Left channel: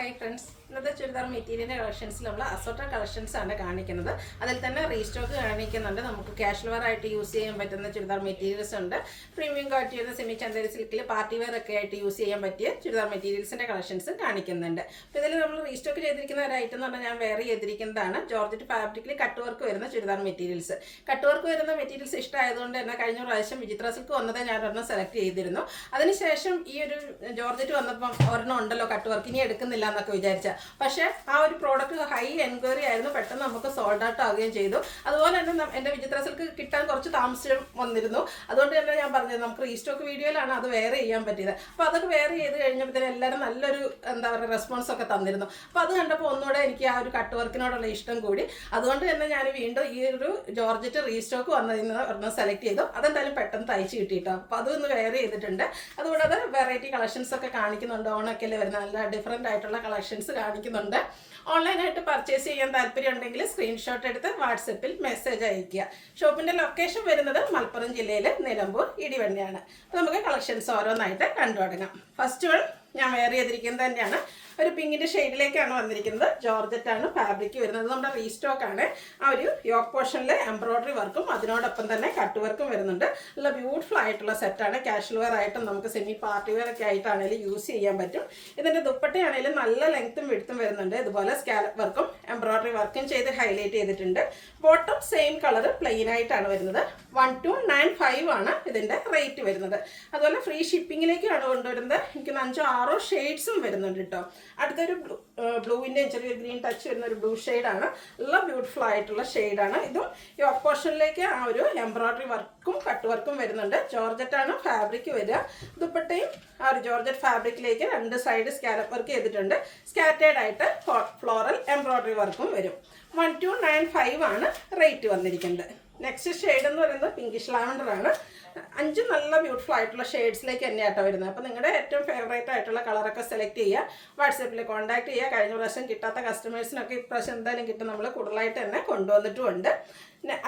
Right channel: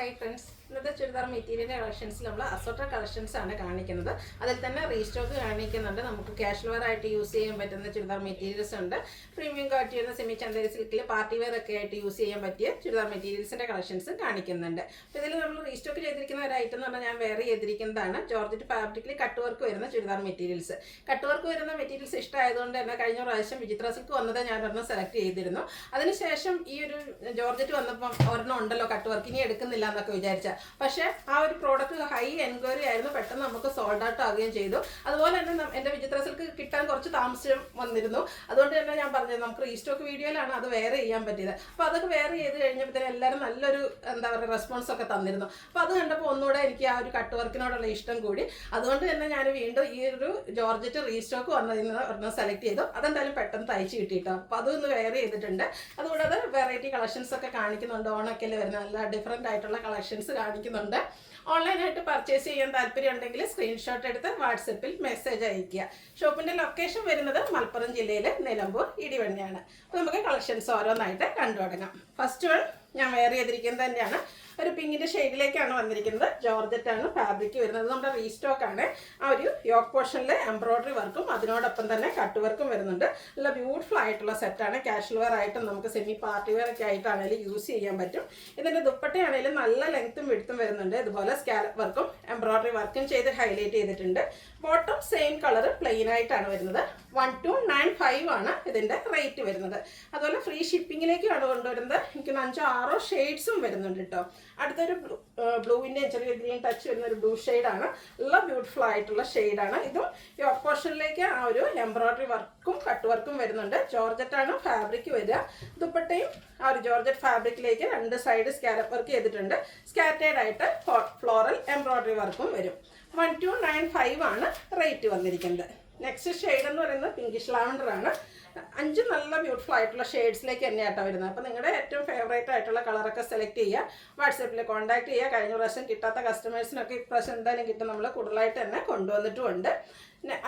Hi friends, ഇന്നത്തെ ചുരിദാർ മെറ്റീരിയലിൻ്റെ കളക്ഷൻസിൽ നമ്മൾ അസോർട്ടഡ് കളക്ഷൻസ് ആണ് കാണിക്കുന്നത്. അതിൽ തന്നെ റീസ്റ്റോക്ക് കാണിക്കുന്നുണ്ട്. നമുക്ക് കാഷ്വൽ വെയർ ആയിട്ട് യൂസ് ചെയ്യാൻ പറ്റുന്ന ചുരിദാർ മെറ്റീരിയൽസ് ഉണ്ട്. പ്രീമിയം ക്വാളിറ്റി വരുന്ന സെമി ചന്ദേരി സിൽക്കിൽ പാർട്ടി വെയർ ഒക്കെ ആയിട്ട് യൂസ് ചെയ്യാൻ പറ്റിയ ചുരിദാർ മെറ്റീരിയൽസിൻ്റെ കളക്ഷൻസ് കാണിക്കുന്നുണ്ട്. അപ്പോൾ ഇതിൽ നമ്മൾ റീസ്റ്റോക്ക് ചെയ്തിരിക്കുന്ന ഒരു ഐറ്റം എന്ന് പറഞ്ഞാൽ ഞാൻ വെയർ ചെയ്തിരിക്കുന്നതാണ് ജോർജറ്റ് ഫാബ്രിക്കിൽ കട്ട് വർക്ക് വരുന്ന ചുരിദാർ മെറ്റീരിയൽസ്. കട്ട് വർക്ക് വരുന്ന മെറ്റീരിയൽസ് ഇഷ്ടമായതുകൊണ്ട് തന്നെ കഴിഞ്ഞ പ്രാവശ്യം വിചിത്ര സിൽക്ക് വന്നത് ഞാൻ ഒരെണ്ണം സെലക്ട് ചെയ്തിരുന്നു. അതിനുശേഷം ഈ ഒരു ജോർജറ്റ് വന്നപ്പം ഒരെണ്ണം ഉണ്ടല്ലോ കട്ട് വർക്ക്, ഇനി എടുക്കുന്നില്ല എന്നൊക്കെ വിചാരിച്ച. പക്ഷേ ആ ഒരു പ്രോഡക്റ്റ് ഹൈ എൻക്വയറി ആയിരുന്നു, പെട്ടെന്ന് നമുക്ക് സോൾഡ് ഔട്ട് ആവുകയും ചെയ്തു. അതുപോലെ തന്നെ എൻ്റെ വിചിത്ര സിൽക്ക് കിട്ടാൻ കുറച്ച് താമസം വന്നിരുന്നു. അതുകൊണ്ട് തന്നെ ഞാൻ പറഞ്ഞത് നമുക്ക് റീസ്റ്റോക്ക് വീഡിയോയിലാണ് അത് വെയർ ചെയ്യാൻ പറ്റിയത്. അപ്പോൾ അതൊക്കെ വെയർ ചെയ്ത് കഴിഞ്ഞപ്പോഴത്തേനും എല്ലാവരും നല്ലൊരു എന്താ പറയുക റെസ്പോൺസ് ഒക്കെ തന്നിരുന്നു. അപ്പോൾ അത് കണ്ടപ്പോൾ ഒന്നുകൂടെ എനിക്ക് ആ ഒരു കട്ട് വർക്കിനോടുള്ള ഇഷ്ടം കൂടി. അതുകൊണ്ട് തന്നെ ഞാൻ വീണ്ടും ഈ ഒരു ജോർജറ്റ് റീസ്റ്റോക്ക് വന്നതിന് ഒരെണ്ണം സെലക്ട് ചെയ്തു. അതെന്തായാലും പെട്ടെന്ന് തയ്ച്ച് കിട്ടിയിട്ടോ. അപ്പോൾ അതൊന്ന് വെയർ ചെയ്തിട്ടുണ്ട്. അതുകൂടാതെ വെറൈറ്റി കളക്ഷൻസ് ഒക്കെ കാണിക്കുന്നുണ്ട്. ഓണൊക്കെ വരുന്ന നല്ല ഡിഫറെൻ്റ് ആയിട്ടുള്ള കളക്ഷൻസ് കാണിക്കുന്നുണ്ട്. ഓൺലൈനായിട്ട് പർച്ചേസ് ചെയ്യാൻ താല്പര്യം ഉണ്ടെങ്കിൽ സ്ക്രീൻഷോട്ട് എടുത്ത് വാട്സപ്പിൽ മെസ്സേജ് അയയ്ക്കുക. ഷോപ്പിൻ്റെ ലൊക്കേഷൻ വരുന്നത് മലപ്പുറം ജില്ലയിലെ നിലമ്പൂർ ഇടിവണ്ണിയാണ്. അപ്പോൾ നമുക്ക് കളക്ഷൻസ് ഓരോന്നായിട്ട് കണ്ടു തുടങ്ങാം. ഫസ്റ്റ് വൺ ഞാൻ വെയർ ചെയ്തിരിക്കുന്നത് തന്നെയാണ്. ഒരു പിങ്കിൻ്റെ ഷെയ്ഡിലേക്കാണ് വന്നിരിക്കുന്നത്. ജോർജറ്റാണ് ഫാബ്രിക് വരുന്നത്. നമ്മുടെ റീസ്റ്റോക്കാണ്. ആ ഒരു യോക്ക് പോർഷനിൽ എംബ്രോയ്ഡറി വർക്കും അതിനോടൊപ്പം തന്നെ കട്ട് വർക്കും വരുന്നുണ്ട്. നല്ല ബ്യൂട്ടിഫുൾ ആയിട്ടുള്ള സെറ്റാണ്. കാഷ്വൽ വെയർ ആയിട്ടും നമുക്ക് സെമി പാർട്ടി വെയർ ഒക്കെ ആയിട്ടാണെങ്കിലും യൂസ് ചെയ്യാൻ പറ്റും. ഇതിൻ്റെ ദുപ്പട്ടയാണെങ്കിലും നല്ല ലെങ്ത്തും വിഡ്ത്തും വരുന്നുണ്ട്. ഇതുപോലെ സ്കാലപ്പ് വർക്കും എംബ്രോയ്ഡറി വർക്കും ചെയ്ത് ഹൈലൈറ്റ് ചെയ്തിട്ടുണ്ട്. ബോട്ടം സെയിം കളർ പ്ലെയിൻ ആയിട്ടാണ് വരുന്നത്. 1295 ആണ് ഇതിൻ്റെ റേറ്റ് വരുന്നത്. അതുപോലെ ഫ്രീ ഷിപ്പിങ്ങിലേക്കാണ് കൊണ്ടുവരുന്നത്. എനിക്ക് 5-6 ഷെയ്ഡ്സും വരുന്നുണ്ട് കേട്ടോ. അടുത്തൊരു ബ്ലൂവിൻ്റെ ചെറിയ ഗ്രീൻ ടച്ച് വരുന്ന ഒരു ബ്ലൂ ഷെയ്ഡാണ്. നല്ല ബ്യൂട്ടിഫുൾ ആയിട്ടുള്ള ഷെയ്ഡാണ്. ഇതും യോക്ക് പോർഷനിലേക്ക് ആ ഒരു എംബ്രോയ്ഡറി വർക്കും കട്ട് വർക്കും വരുന്നുണ്ട്. ജോർജറ്റാണ് ഫാബ്രിക് വരിക. ദുപ്പട്ടയും ആ ഒരു ജോർജറ്റ് ഫാബ്രിക്കിലേക്ക് 2 സൈഡ് സ്കാലപ്പ് വർക്ക് ചെയ്തിട്ടുണ്ട്. സ്കാറ്റേഡ് ആയിട്ട് ഫ്ലോറൽ എംബ്രോയ്ഡറി വർക്കും വരും. 1295 ആണ് റേറ്റ് വന്നിരിക്കുന്നത്. നെക്സ്റ്റ് ഷെയ്ഡ് എന്ന് പറയുന്നത് പിങ്കിഷ് ലാവൻഡർ ആണ്. 5 നല്ല ബ്യൂട്ടിഫുൾ ആയിട്ടുള്ള ഷെയ്ഡ്സിലേക്ക് തന്നെയാട്ടോ വരുന്നത്. അപ്പോൾ നിങ്ങളുടെ ഏറ്റവും ഫേവറേറ്റ് ആയിട്ടുള്ള കളറൊക്കെ സെലക്ട് ചെയ്യുക. വാട്സാപ്പിൽ കോൺടാക്ട് ചെയ്യുക. കഴിഞ്ഞ പ്രാവശ്യം കിട്ടാത്ത കസ്റ്റമേഴ്സിനൊക്കെ ഇപ്രാവശ്യം എന്തായാലും കിട്ടും. നമ്മൾ കൂടുതലായിട്ട് തന്നെ കൊണ്ടുവന്നിട്ടുമുണ്ട്.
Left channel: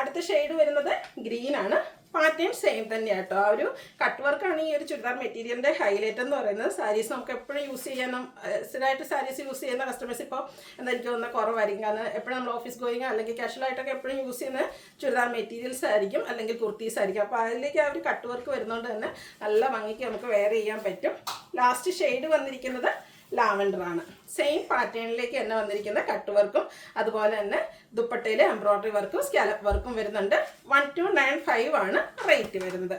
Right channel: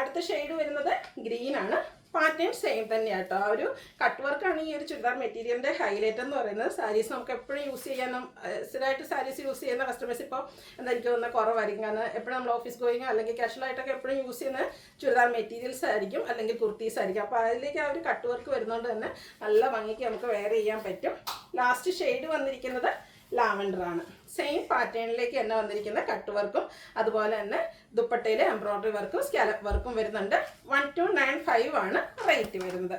അടുത്ത ഷെയ്ഡ് വരുന്നത് ഗ്രീൻ ആണ്. പാറ്റേൺ സെയിം തന്നെയാണ് കേട്ടോ. ആ ഒരു കട്ട് വർക്കാണ് ഈ ഒരു ചുരിദാർ മെറ്റീരിയലിൻ്റെ ഹൈലൈറ്റ് എന്ന് പറയുന്നത്. സാരീസ് നമുക്ക് എപ്പോഴും യൂസ് ചെയ്യാനും സ്ഥിരമായിട്ട് സാരീസ് യൂസ് ചെയ്യുന്ന കസ്റ്റമേഴ്സ് ഇപ്പോൾ എന്താ എനിക്ക് തോന്നുന്ന കുറവായിരിക്കും. കാരണം എപ്പോഴും നമ്മൾ ഓഫീസ് ഗോയിങ് അല്ലെങ്കിൽ കാഷ്വലായിട്ടൊക്കെ എപ്പോഴും യൂസ് ചെയ്യുന്ന ചുരിദാർ മെറ്റീരിയൽസ് ആയിരിക്കും, അല്ലെങ്കിൽ കുർത്തീസ് ആയിരിക്കും. അപ്പോൾ അതിലേക്ക് ആ ഒരു കട്ട് വർക്ക് വരുന്നതുകൊണ്ട് തന്നെ നല്ല ഭംഗിക്ക് നമുക്ക് വെയർ ചെയ്യാൻ പറ്റും. ലാസ്റ്റ് ഷെയ്ഡ് വന്നിരിക്കുന്നത് ലാവൻഡർ ആണ്. സെയിം പാറ്റേണിലേക്ക് തന്നെ വന്നിരിക്കുന്ന കട്ട് വർക്കും അതുപോലെ തന്നെ ദുപ്പട്ടയിൽ എംബ്രോയ്ഡറി വർക്കും സ്കാലപ്പ് വർക്കും വരുന്നുണ്ട്. 1295 ആണ് റേറ്റ് വരുന്നത്.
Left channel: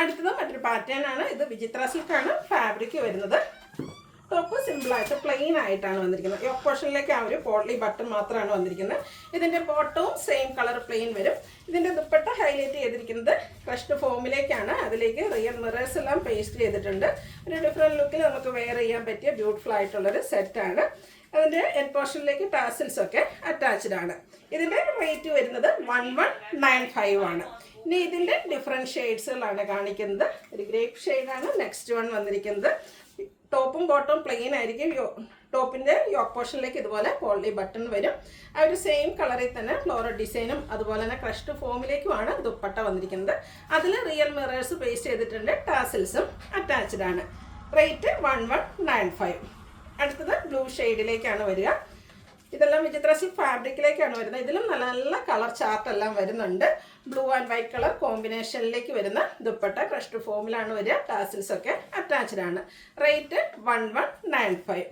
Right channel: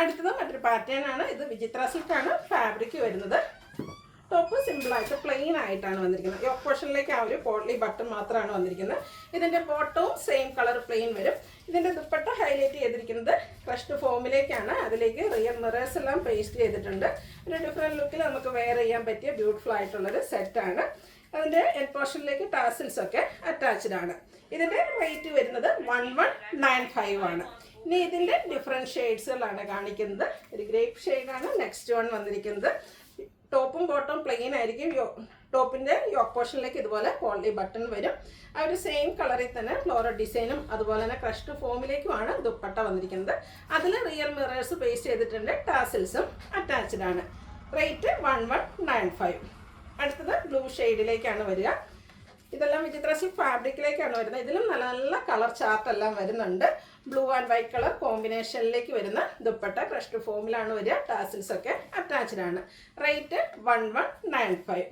അടുത്തത് മറ്റൊരു പാറ്റേൺ ആണ്. ഇത് വിചിത്ര സിൽക്കാണ് ഫാബ്രിക് വരുന്നത്. ടോപ്പ് സിമ്പിളായിട്ട് പ്ലെയിൻ ആയിട്ടാണ് വന്നിരിക്കുന്നത്. യോക്ക് പോർഷനിലേക്ക് ആ ഒരു പോട്ട്ലി ബട്ടൺ മാത്രമാണ് വന്നിരിക്കുന്നത്. ഇതിൻ്റെ ബോട്ടവും സെയിം കളർ പ്ലെയിൻ വരും. ഇതിൻ്റെ ദുപ്പട്ട ഹൈലൈറ്റ് ചെയ്തിരിക്കുന്നത് ക്രഷ്ഡ് ഫോമിലേക്കാണ്. അതിലേക്ക് റിയൽ മിറേഴ്സ് എല്ലാം പേസ്റ്റ് ചെയ്തിട്ടുണ്ട്. ഒരു ഡിഫറെൻറ്റ് ലുക്കിൽ നമുക്ക് വെയർ ചെയ്യാൻ പറ്റിയ ബ്യൂട്ടിഫുൾ ആയിട്ടുള്ളൊരു സെറ്റാണ്. അതിൻ്റെ എൻഡ് പോർഷനിലേക്ക് ടാസിൽസ് ഒക്കെ അറ്റാച്ച്ഡ് ആണ്. ഇതിൻ്റെ റേറ്റ് വരുന്നത് 1195 ആണ്. ഇനി ഇതിൻ്റെ ഡിഫറെൻറ്റ് ഷെയ്ഡ്സുകളാണ് കാണിക്കുന്നത്. ഒരു ഗ്രേപ്പ് ഷെയ്ഡാണ് നെക്സ്റ്റ് വൺ വന്നിരിക്കുന്നത്. ടോപ്പും ബോട്ടവും പ്ലെയിൻ ആയിരിക്കും. ടോപ്പിൻ്റെ യോക്ക് പോർഷനിലേക്ക് ഇതുപോലെ പോളി ബട്ടൺ വരും. ആ ഒരു സെയിം കളറിൽ തന്നെ ഫ്ലോറൽ ഡിസൈനും അതുപോലെ തന്നെ ക്രഷ്ഡ് ഫോമിലേക്കുമാണ് ദുപ്പട്ട വന്നിരിക്കുന്നത്. അതിൽ റിയൽ മിറേഴ്സ് പേസ്റ്റ് ചെയ്തിട്ടുണ്ട്. ടാസിൽസും അറ്റാച്ച്ഡ് ആണ്. റേറ്റ് 1195. അടുത്തത് ബ്ലൂ ഷെയ്ഡിലേക്കാണ് വരിക. ഇതെല്ലാം വിചിത്ര സിൽക്ക് ഫാബ്രിക്കിലേക്കാണ് വരുന്നത്. ഇതിലും നല്ല നല്ല കളർ ചാർട്ട് എല്ലാം വരുന്നുണ്ട്. ബ്ലൂ ആൻഡ് വൈറ്റ് കളർ കോമ്പിനേഷനിലേക്ക് വരുന്ന ദുപ്പട്ട ക്രഷ്ഡ് ഫോമിലാണ് വരിക. ടാസിൽസ് ഒക്കെ അറ്റാച്ച്ഡ് ആണ്. റേറ്റ് 1195.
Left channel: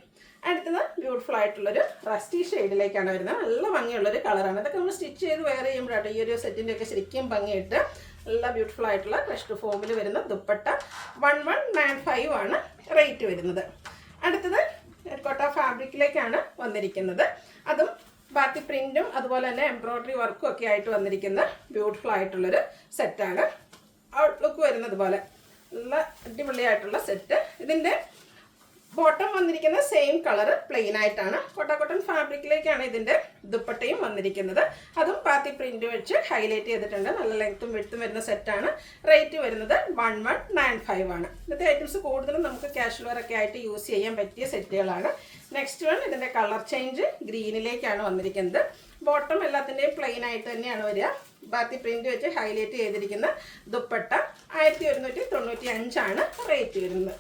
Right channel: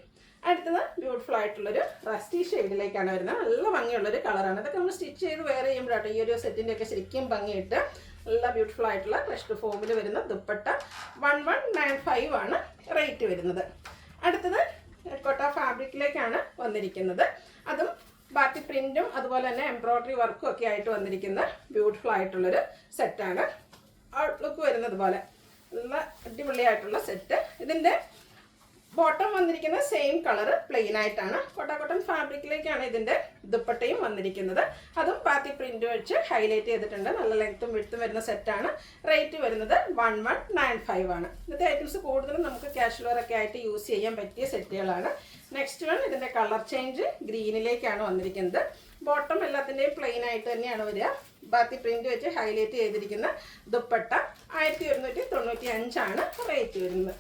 അടുത്തത് ബ്യൂട്ടിഫുൾ ആയിട്ടുള്ളൊരു റസ്റ്റി ഷെയ്ഡിലേക്കാണ് വരുന്നത്. നല്ല ഭംഗിയുള്ളൊരു കളറാണ്. ഇതൊക്കെ നമ്മൾ സ്റ്റിച്ച് ചെയ്ത് വെയർ ചെയ്യുമ്പോഴാണ് ഈ ഒരു സെറ്റിൻ്റെ ഒക്കെ ശരിക്കും ഭംഗിയിട്ട് നല്ല ബ്യൂട്ടിഫുൾ ആയിട്ടുള്ള ക്രഷ്ഡ് ഫോമിൽ വരുന്ന ദുപ്പട്ട 1195 ആണ് റേറ്റ് വരുന്നത്. അടുത്തത് കോട്ട ഫാബ്രിക്കിലേക്കാണ് വന്നിരിക്കുന്നത്. അതും ബാത്തി പ്രിന്റും അതുപോലെ തന്നെ എംബ്രോയ്ഡറി വർക്കും ഒക്കെ ആയിട്ട് വന്നിരിക്കുന്ന ബ്യൂട്ടിഫുൾ ആയിട്ടുള്ളൊരു സെറ്റാണ്. ഔട്ട്ലുക്ക് വരുന്നത് പോലെ നല്ല അടിപൊളിയായിട്ടുള്ള സെറ്റ്. ഇതിൻ്റെ ബോട്ടം വന്നിരിക്കുന്ന സെയിം കളർ പ്ലെയിൻ ആയിട്ടാണ്. കോട്ടൺ ഫാബ്രിക്കിലേക്കാണ് ഇതിൻ്റെ ദുപ്പട്ടയും വന്നിരിക്കുന്നത്. അതും ബാത്തി പ്രിന്റ് വെച്ച് ഹൈലൈറ്റ് ചെയ്തിട്ടുണ്ട്. നല്ല ലെങ്ത്തും വിഡ്ത്തും വരുന്ന സെറ്റാണ്. റേറ്റ് വരുന്നത് 1195 ആണ്. ഇന്നത്തെ ഐറ്റംസ് കൂടുതലും നമുക്ക് കാഷ്വൽ വെയർ ഒക്കെ ആയിട്ട് യൂസ് ചെയ്യാൻ പറ്റിയ സെറ്റുകളാണ്. നെക്സ്റ്റ് വൺ ഇതിൻ്റെ കളർ ചേഞ്ച് ഗ്രീനിലേക്കാണ് വന്നിരിക്കുന്നത്. ബോട്ടം എല്ലാത്തിൻ്റെയും പ്ലെയിൻ ആയിട്ട് തന്നെയാണ് വരിക. ബാത്തി പ്രിന്റ് വെച്ച് ഹൈലൈറ്റ് ചെയ്തിരിക്കുന്ന ദുപ്പട്ട 1195 ആണ് റേറ്റ് വരുന്നത്.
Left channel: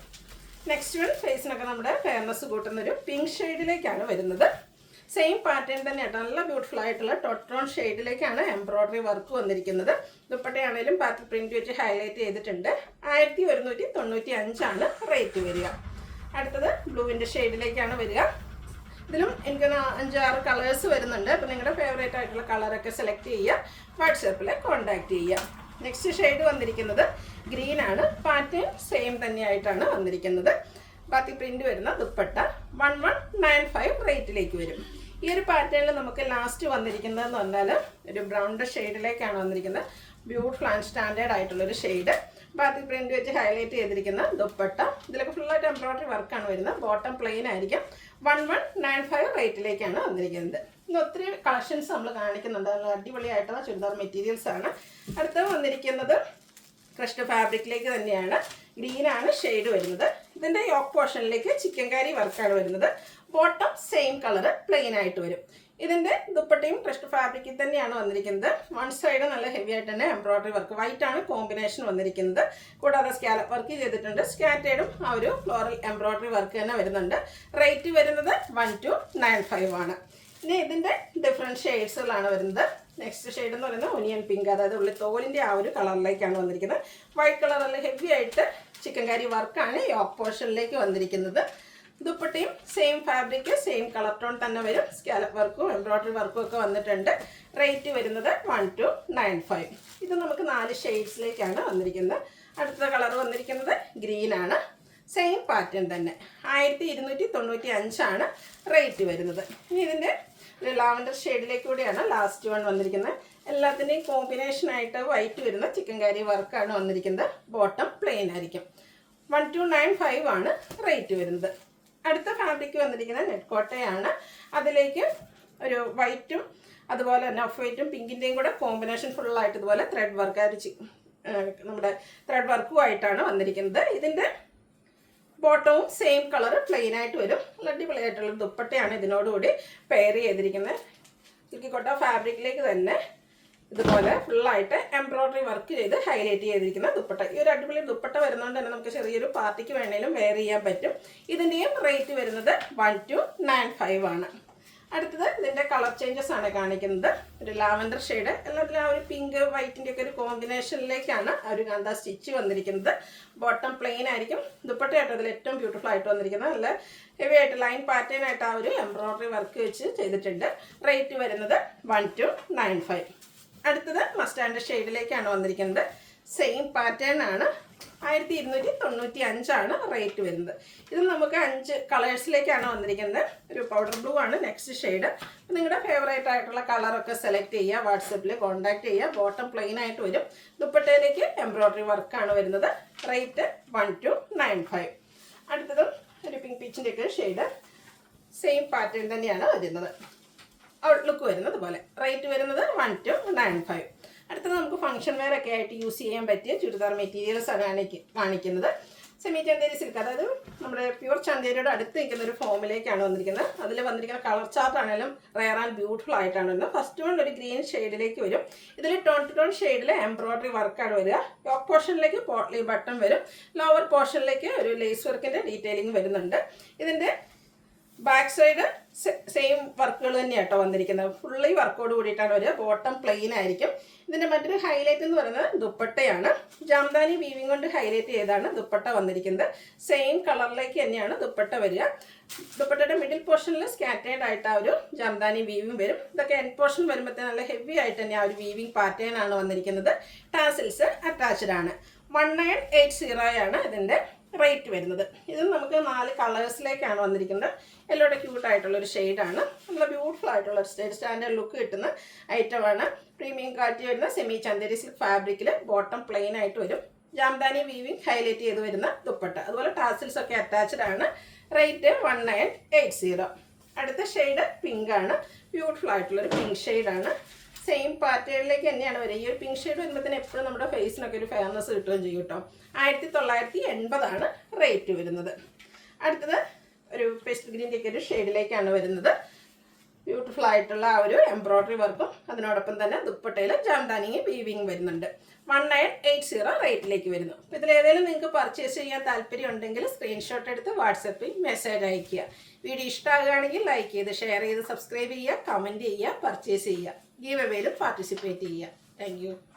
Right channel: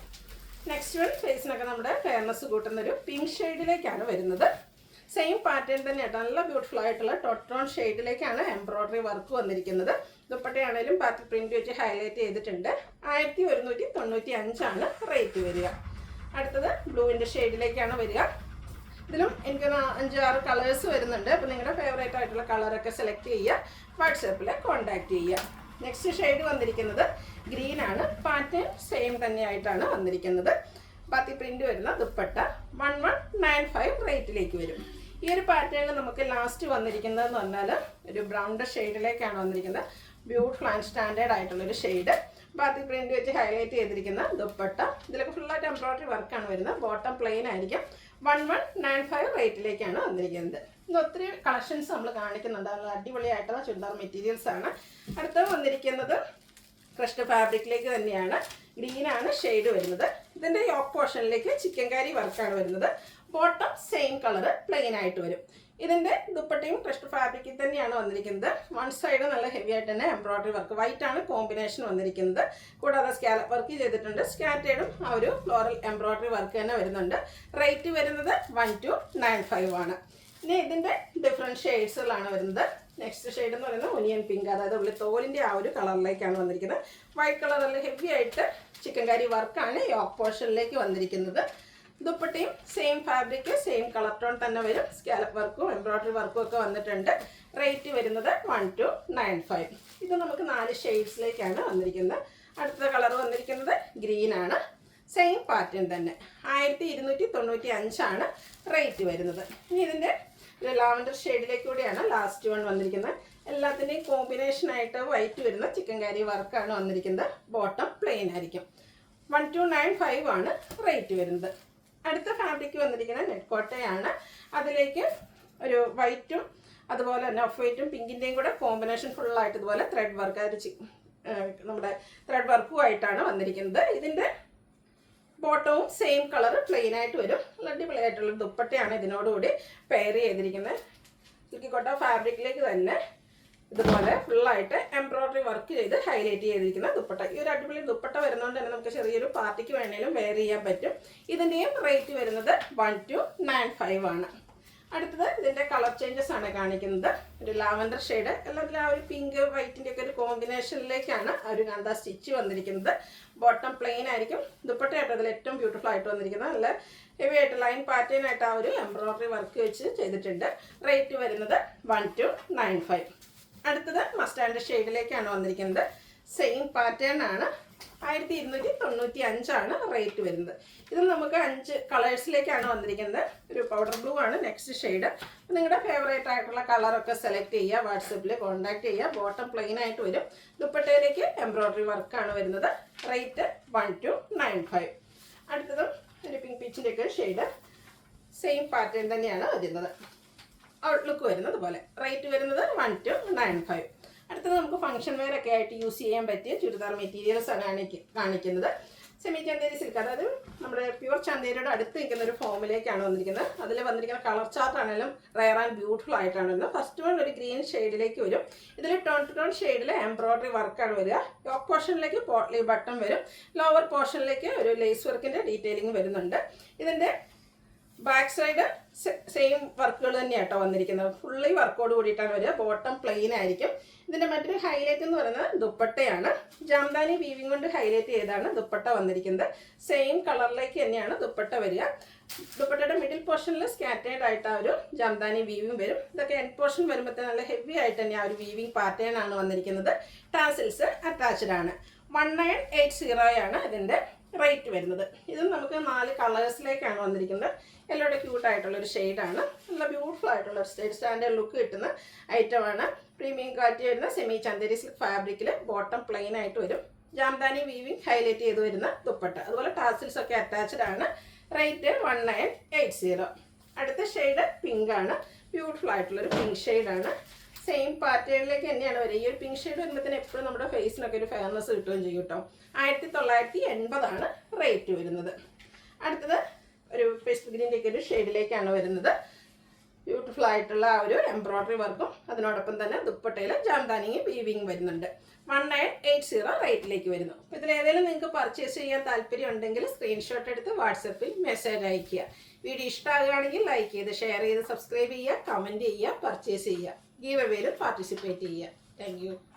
നെക്സ്റ്റ് വൺ ഫേസിനൊക്കെ നമ്മുടെ ഫെയർനെസ് കൂട്ടുന്നൊരു പിങ്ക് ഷെയ്ഡിലേക്കാണ് വരുന്നത്. സെയിം പാറ്റേൺ തന്നെയാണ്, നല്ല ബ്യൂട്ടിഫുൾ ആയിട്ടുള്ള ടോട്ടോൺ ഷെയ്ഡിലേക്കാണ് എംബ്രോയ്ഡറി വർക്ക് വന്നിരിക്കുന്നത്. ദുപ്പട്ടയാണേലും പാറ്റേൺ പ്രിന്റ് വെച്ച് ഹൈലൈറ്റ് ചെയ്തിട്ടുണ്ട്. 1195 റേറ്റ് വരിക. അടുത്തത് ബ്ലൂവിൻ്റെ ഷെയ്ഡിലേക്കാണ് വരിക. ഇതിലും എനിക്ക് 5-6 കളേഴ്സ് വരുന്നുണ്ട്. അപ്പോൾ നിങ്ങളുടെ ഫേവറേറ്റ് ആയിട്ടുള്ള കളറൊക്കെ സെലക്ട് ചെയ്യുക, വാട്സാപ്പിൽ കോൺടാക്ട് ചെയ്യുക. നെക്സ്റ്റ് ഷെയ്ഡ് വന്നിരിക്കുന്നത് ഗ്രീൻ ആണ്. പാറ്റേൺ സെയിം തന്നെയായിട്ടാണ് വന്നിരിക്കുന്നത്. ബാക്കി പ്രിന്റ് വരുന്ന ദുപ്പട്ട 1195 റേറ്റിലേക്ക് വരും. ഈ ഒരു പാറ്റേണിൽ നമുക്ക് ലാസ്റ്റ് വന്നിരിക്കുന്നതെന്ന് പറഞ്ഞാൽ ഒരു ബ്രൗണിൻ്റെ ഷെയ്ഡിലേക്കാണ് വന്നിരിക്കുന്നത്. ബ്യൂട്ടിഫുൾ ആൻഡ് സ്റ്റാൻഡേർഡ് ആയിട്ടുള്ളൊരു ഷെയ്ഡ്. ബാക്കി പ്രിന്റ് വെച്ച് ഹൈലൈറ്റ് ചെയ്തിരിക്കുന്ന ദുപ്പട്ട. ഇതിലൊക്കെ ഫുള്ളായിട്ട് എംബ്രോയ്ഡറി വർക്കാണ് വരുന്നത്. ബോട്ടം പ്ലെയിൻ ആയിരിക്കും. 1195 റേറ്റിലേക്കാണ് വന്നിരിക്കുന്നത്. ഇന്ന് ഒത്തിരി കളക്ഷൻസ് നമ്മൾ കാണിക്കുന്നുണ്ട്. നല്ല അടിപൊളിയായിട്ടുള്ള ചുരിദാർ മെറ്റീരിയൽസ് ആണ്. അടുത്ത വന്നിരിക്കുന്നത് ക്രഷ്ഡ് ഫാബ്രിക്കിലേക്ക് തന്നെയാണ്. ഗ്രീനാണ് ഷെയ്ഡ് വരുന്നത്. ഇതിൻ്റെ യോക്ക് പോർഷനിലേക്ക് ചിക്കൻ കാരി വർക്കാണ് വരുന്നത്. ബോട്ടം സെയിം കളറ് പ്ലെയിൻ ആയിട്ട് വരും. ഇതിൻ്റെ ദുപ്പട്ടയും ക്രഷ്ഡ് ഫാബ്രിക്കിൽ തന്നെയാണ് വന്നിരിക്കുന്നത്. വൺ സൈഡ് നല്ല ഹെവി ആയിട്ട് തന്നെ എംബ്രോയ്ഡറി വർക്ക്, വൈറ്റ് ആണ് കോമ്പിനേഷൻ വന്നിരിക്കുന്നത്. കൂടാതെ സ്കാലപ്പ് വർക്ക് ചെയ്തിട്ടുണ്ട്. സ്കാറ്റേഡും ആ ഒരു ഫ്ലോറൽ എംബ്രോയ്ഡറി വർക്ക് തന്നെ വരുന്നുണ്ട്. റേറ്റ് വരുന്നത് 1295 ആണ്. ഇനി ഇതിൻ്റെ ഡിഫറെൻറ്റ് ഷെയ്ഡ്സുകളാണ് വരുന്നത്. നെക്സ്റ്റ് ഷെയ്ഡ് എന്ന് പറയുന്നത് ഒനിയൻ പിങ്ക്, അതായത് ഉള്ളി തോലിൻ്റെ ആ ഒരു കളറിലേക്കാണ് വന്നിരിക്കുന്നത്. വൈറ്റ് കളറിൽ ഹെവി ആയിട്ട് ചിക്കൻ കാരി വർക്കാണ് യോക്ക് പോർഷനിലേക്ക് വന്നിരിക്കുന്നത്. ദുപ്പട്ടയും same fabric same colour tone തന്നെ വരും. സ്കാലപ്പ് വർക്കും എംബ്രോയ്ഡറി വർക്കും ഒക്കെ വന്നിട്ടുണ്ട്. റേറ്റ് വരുന്നത് 1295. ഇത് നമുക്ക് 4 ഷെയ്ഡ്സിലേക്കാണ് വന്നിരിക്കുന്നത്. അടുത്ത കളർ വന്നിരിക്കുന്നത് ഗ്രീൻ ആണ്. സെയിം പാറ്റേൺ തന്നെ 1295 റേറ്റ് വരുന്നത്. ഇനി ഇതിൻ്റെ ഒരു ലാവൻഡർ ഷെയ്ഡിലേക്ക് കൂടിയാണ് ലാസ്റ്റ് വൺ വന്നിരിക്കുന്നത്. എല്ലാത്തിൻ്റെയും കോമ്പിനേഷൻ ആയിട്ട് വൈറ്റ് വരുന്ന ചിക്കൻ കാരി വർക്കാണ് വന്നിരിക്കുന്നത്. ബോട്ടം പ്ലെയിൻ ആയിരിക്കും. 1295 റേറ്റ് വരുന്നത്. അടുത്ത ഫാബ്രിക് വന്നിരിക്കുന്നത് നെറ്റ് കോട്ടയാണ്. അതിലേക്ക് ഒരു വൈറ്റും അതുപോലെ തന്നെ ഓഫ് വൈറ്റും പിങ്കിൻ്റെയും കൂടെ കോമ്പിനേഷൻ ഫുള്ളായിട്ട് ഇതുപോലെ ത്രെഡ് വർക്ക് നമ്മുടെ ത്രെഡ് വർക്കുമായിട്ടാണ് വന്നിരിക്കുന്നത്. ഇതിൻ്റെ ബോട്ടവും സെയിം കളർ പ്ലെയിൻ ആയിട്ട് വരും. അടിപൊളിയായിട്ടുള്ള ദുപ്പട്ടയാണ് ഇതിനോടുകൂടി പെയർ ചെയ്തിരിക്കുന്നത്. സിൽക്കിക്കോട്ട ഫാബ്രിക്കിലേക്ക് തന്നെ ഇതുപോലെ ഫുള്ളായിട്ട് എംബ്രോയ്ഡറി വർക്ക് ചെയ്ത് ഹൈലൈറ്റ് ചെയ്തിരിക്കുന്ന ദുപ്പട്ട. ഈ ഒരു അടിപൊളി ദുപ്പട്ട വരുന്നതുകൊണ്ട് തന്നെ നമുക്ക് ചെറിയൊരു പാർട്ടിക്ക് വേണമെങ്കിലും വെയർ ചെയ്യാൻ പറ്റും. ഇതിൻ്റെയും റേറ്റ് വരുന്നത് 1295 അടുത്തത് ഇതിൻ്റെ കളർ ചേഞ്ചസ് ആണ് കാണിക്കുന്നത്. ഒരു ലാവൻഡർ ഷെയ്ഡ്, എല്ലാത്തിലും ആ ഒരു പിങ്ക് വൈറ്റിൻ്റെ ഒക്കെ ഒരു കോമ്പിനേഷനിലേക്കാണ് ആ ഒരു കണ്ട സ്റ്റിച്ച് വന്നിരിക്കുന്നത്. ബോട്ടം പ്ലെയിൻ ആയിരിക്കും. ദുപ്പട്ടയായിട്ട് അതിൽ ഏറ്റവും ബ്യൂട്ടിഫുൾ ആയിട്ട് വന്നിരിക്കുന്നത്. നല്ല ഹെവി ആയിട്ട് ലൈൻ പാറ്റേൺ ആയിട്ട് ആ ഒരു എംബ്രോയ്ഡറി വർക്ക് വെച്ച് ചെയ്തിട്ടുണ്ട്. റേറ്റ് വരുന്നത് 1295. അടുത്തത് മസ്റ്റാൻഡ് ഷെയ്ഡിലേക്കാണ് വന്നിരിക്കുന്നത്. സെയിം പാറ്റേൺ ആണ്. 1295 റേറ്റ് വരുന്നത്. ഇത് നമുക്ക് 5 കളേഴ്സിലേക്കാണ് വന്നിരിക്കുന്നത്. ഒരു പൗഡർ ബ്ലൂ ആണ് നെക്സ്റ്റ് ഷെയ്ഡ്. നിങ്ങളുടെ ഫേവറേറ്റ് ആയിട്ടുള്ള കളറൊക്കെ സെലക്ട് ചെയ്യുക, വാട്സപ്പിൽ കോൺടാക്ട് ചെയ്യുക. ബോട്ടം പ്ലെയിൻ ആയിട്ട് വരും. ദുപ്പട്ടയിലേക്ക് എംബ്രോയ്ഡറി വർക്കാണ് വരുന്നത്. റേറ്റ് 1295. അടുത്തതും ഒരു പിങ്ക് പീച്ചിൻ്റെ ഒക്കെ ഷെയ്ഡ്. സെയിം പാറ്റേൺ തന്നെയാണ് വരുന്നത്. ഔട്ട്ലുക്ക് വരുന്നത് പോലെ. റേറ്റ് വരുന്നത് 1295. അടുത്തത് നമുക്ക് ഫംഗ്ഷൻ വെയർ ഒക്കെ ആയിട്ട് യൂസ് ചെയ്യാൻ പറ്റിയ ചുരിദാർ മെറ്റീരിയൽസ് കാണിക്കുന്നത്. സെമി ചന്തേരി സിൽക്ക്, അതായത് നമ്മുടെ പ്യുവർ ചന്തേരിയുടെ അടുത്ത് നിൽക്കുന്ന ഒരു ഫോമിലേക്കാണ് വന്നിരിക്കുന്നത്. അതിൽ വന്നിരിക്കുന്ന കളർ ചാർട്ട് ആണെങ്കിലും റയർ ആൻഡ് ബ്യൂട്ടിഫുൾ ആയിട്ടാണ് വരുന്നത്. ഫസ്റ്റ് വൺ ഒരു ഗ്രീൻ ഷെയ്ഡിലേക്ക് വരും. ഇതിൽ ടോൺ ടു ടോൺ ഷെയ്ഡിൽ എംബ്രോയ്ഡറി വർക്കാണ് വരിക. ടോപ്പ് പോർഷനിലേക്ക് പോട്ട്ലി ബട്ടൺ വരും. ലോവർ പോർഷനിലേക്ക് ഒരു ലേസ് വർക്കിൻ്റെ ഡീറ്റെയിലിംഗ് വരുന്നുണ്ട്. ഇതിൻ്റെ ബാക്ക് സൈഡ് സെയിം വർക്കുകൾ തന്നെയാട്ടോ വന്നിരിക്കുന്നത്. ഫുള്ളി വർക്കോട് കൂടിയിട്ടാണ് വരിക. ബോട്ടം പ്ലെയിൻ ആയിരിക്കും. ഇതിൻ്റെ മറ്റൊരു ഹൈലൈറ്റ് എന്ന് പറയുന്നത് ദുപ്പട്ടയാണ്. ജാംദാനി വീവിങ് കൊണ്ട് ഹൈലൈറ്റ് ചെയ്താണ് ദുപ്പട്ട വന്നിരിക്കുന്നത്. സെയിം കളറിലേക്ക് തന്നെയാണ് ദുപ്പട്ട വരിക. ദുപ്പട്ടയുടെ മിഡിൽ പോർഷനിൽ സ്കാറ്റേഡ് ആയിട്ട് ആ ഒരു ജാംദാനി വീവിങ് വരും. ഇതൊക്കെ എൻഡ് പോർഷൻ വരുമ്പോഴത്തേന് നല്ല ഹെവി ആയിട്ട് തന്നെ ആ ഒരു വീവിങ് പാറ്റേൺ ആണ് വന്നിരിക്കുന്നത്. ടാസിൽസ് അറ്റാച്ച്ഡ് ആണ്. 1980 ഇതിൻ്റെ റേറ്റ് വരുന്നത്. ഇത് നമുക്ക് 4 കളേഴ്സിലേക്കാണ് വന്നിരിക്കുന്നത്. യെല്ലോയുടെ ക്യൂട്ടായിട്ടുള്ളൊരു ഷെയ്ഡാണ്. നല്ല ബ്യൂട്ടിഫുൾ ആയിട്ടുള്ള സ്റ്റാൻഡേർഡ് ലുക്ക് കിട്ടുന്ന ഐറ്റമാണ്. പ്രീമിയം ക്വാളിറ്റി വരുന്ന സെമി ചന്തേരി സിൽക്ക് ഫാബ്രിക്കിൽ ബോട്ടം പ്ലെയിൻ ആയിട്ട് വരും. ജാംദാനി വീവിങ് ഹൈലൈറ്റ് ചെയ്ത് വരുന്ന ദുപ്പട്ട, അതുപോലെ ടാസിൽസ് ഒക്കെ അറ്റാച്ച്ഡ് ആണ്. റേറ്റ് 1980. അടുത്ത ഷെയ്ഡ് പിങ്ക് ആണ്. ബ്യൂട്ടിഫുൾ ആയിട്ടുള്ളൊരു പിങ്ക് ഷെയ്ഡാണ്. സെയിം പാറ്റേണിലേക്ക് തന്നെയാണ് വരിക. ഈ ഒരു പിങ്ക് ഷെയ്ഡ് വരുമ്പോഴത്തേന് എപ്പോഴും നമ്മുടെ ഫേസിനൊക്കെ ഒരു ഫെയർനെസ് കിട്ടുകയും ചെയ്യും കേട്ടോ. 1980 റേറ്റ് വരുന്നത്. അടുത്തത് ഒരു പേസ്റ്റ് ഗ്രീൻ്റെ ഒക്കെ ഒരു ഷെയ്ഡിലേക്കാണ് വരുന്നത്. ബ്യൂട്ടിഫുൾ ആയിട്ടുള്ള ആ ഒരു എംബ്രോയ്ഡറി വർക്കും അതിനോടൊപ്പം തന്നെ ദുപ്പട്ടയിൽ ജാംദാനിയും വീവിങ് വരുന്നുണ്ട്. 1980 റേറ്റിലേക്ക് വരുന്നു. അപ്പോൾ ഇതിലേതെങ്കിലും നിങ്ങൾക്ക് പർച്ചേസ് ചെയ്യാൻ താല്പര്യം ഉണ്ടെങ്കിൽ സ്ക്രീൻഷോട്ട് എടുത്ത് വാട്സപ്പിൽ മെസ്സേജ് അയയ്ക്കുക. വീഡിയോ ഇഷ്ടമാകുകയാണെങ്കിൽ ലൈക്ക് ചെയ്ത് ഷെയർ ചെയ്ത് സബ്സ്ക്രൈബ് ചെയ്യുക, കമൻറ്റ് ചെയ്യുക, പർച്ചേസ് ചെയ്യുക, ഗീവ് അവേയിലും പാർട്ടിസിപ്പേറ്റ് ചെയ്യുക. Thank you.